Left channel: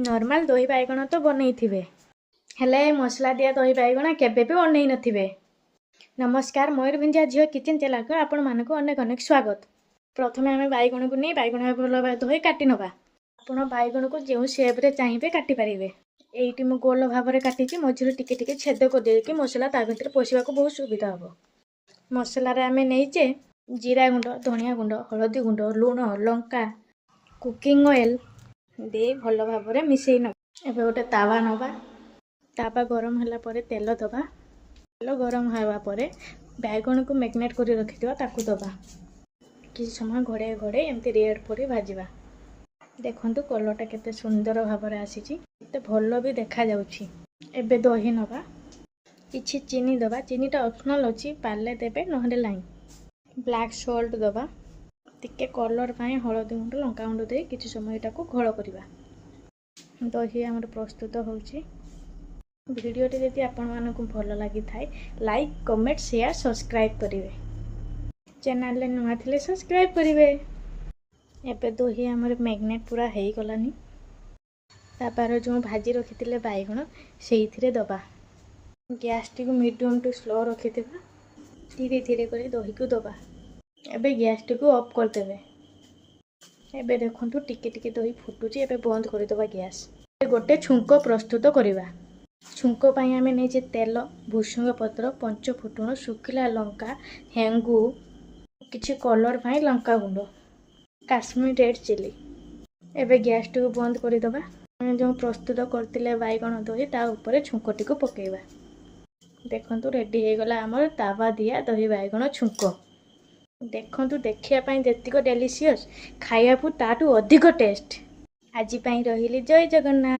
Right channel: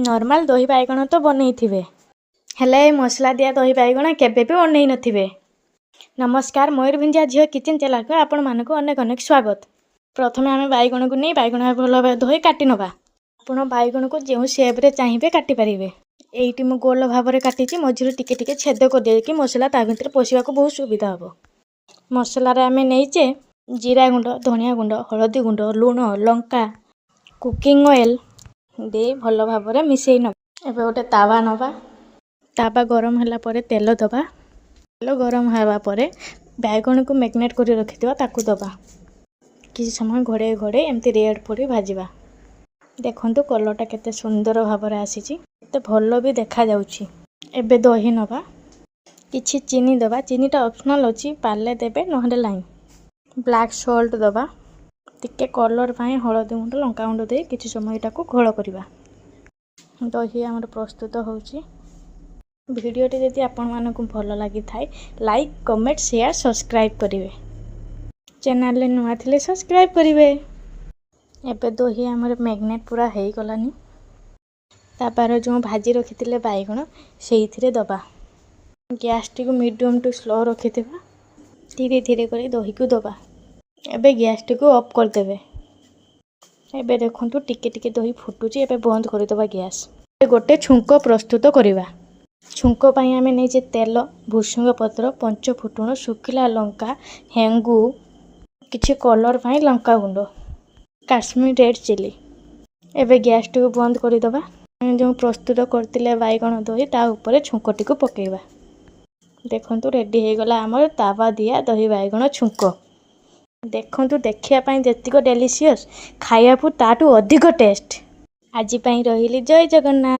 Normal दही बाइगण तो बनई थिबे हेले मसला दिया दही बाइगण केबे भी बनई नथिबे। नमस्कार, मयूरभंजा झील किचन चैनल को आपण मानक अनेक अनेक स्वागत। प्रथमे आम बाइगण को नहीं बाइगण भल भाव धोई काटी नवा। आपण बाइगण को जो शेप्रे चाहिए काटी पारे। एइटी मु गोल भाव में काटी मझिर टिके टिके छेद कर देकी मसला ता भीतर पशिबा को बहुत सुविधा हम। मसला रे आमे नहींचे जीरा गुंड, धनिया गुंड, हलदी गुंड, लुण, लंका, कुकिंग ऑयल दे भल भाव में मिसई न। एबे गोटे तावा नवा। तावा गरम होला परे तेल दबा। तेल गरम होगा पर बैगण को मैग्नेट कर रखिथिबा ताकू दबा। किसी समय घोड़े घोड़े एमती रेड पड़ी भाजवा। देखंतु कलरटा केते सुंदर भाव में आसीची, केते भल भी देखा जाउची। एबे दही नवा, किछि चीनी दबा। चीनीटा ऑप्शनल अछि, पाले देबे नहले लाइन। ब्लैक सॉल्ट दबा, टिके कलर पाए हलदी गुंड, लंका गुंड दे किछि समय एटाको घोल करबा। दही हमर प्रस्तुत होउची। वीडियोटी यदि आपण मानकु भल लागि थाए लाइक, कमेंट, शेयर, सब्सक्राइब करिवे। चैनल ले नुआ थिले सब्सक्राइब करिवे। एबे दही हमर मैग्नेट पूरा हेई गलानी। तापर जो भाजी रखिथिले बाइगण सेइथिरे दबा। गैस टी को मीडियम टू स्लो रखिथिबा। धीरे धीरे करी दही को दबा। एबे गैस टी को ऑफ कर देबे। एबे देखंतु टिके टिके दही फुटुची। एबे बंद कर दबा गैस। गोटे छुंको प्रस्तुत करिवा। छुंको पाई आमे नेजे तेल, भुसुंग पत्र, पंच फुटुण, सुखिला लंका, हेंगू, किछि कलर पाई लंका गुंड, काश्मीर रेड चिली। एबे गैस टी को बंद कर दबा। जो प्रस्तुत करतिले बाइगण दही ता ऊपर छुंकटी को पकेइबा। देखंतु रेडी हे गला हमर तावा दिया दही बाइगण छुंको। देखंतु देखिया पाई जेतिको डेलीशियस, खाइबा ताटू अधिक टेस्ट। आजि पाई रहिली। जय जगन्नाथ।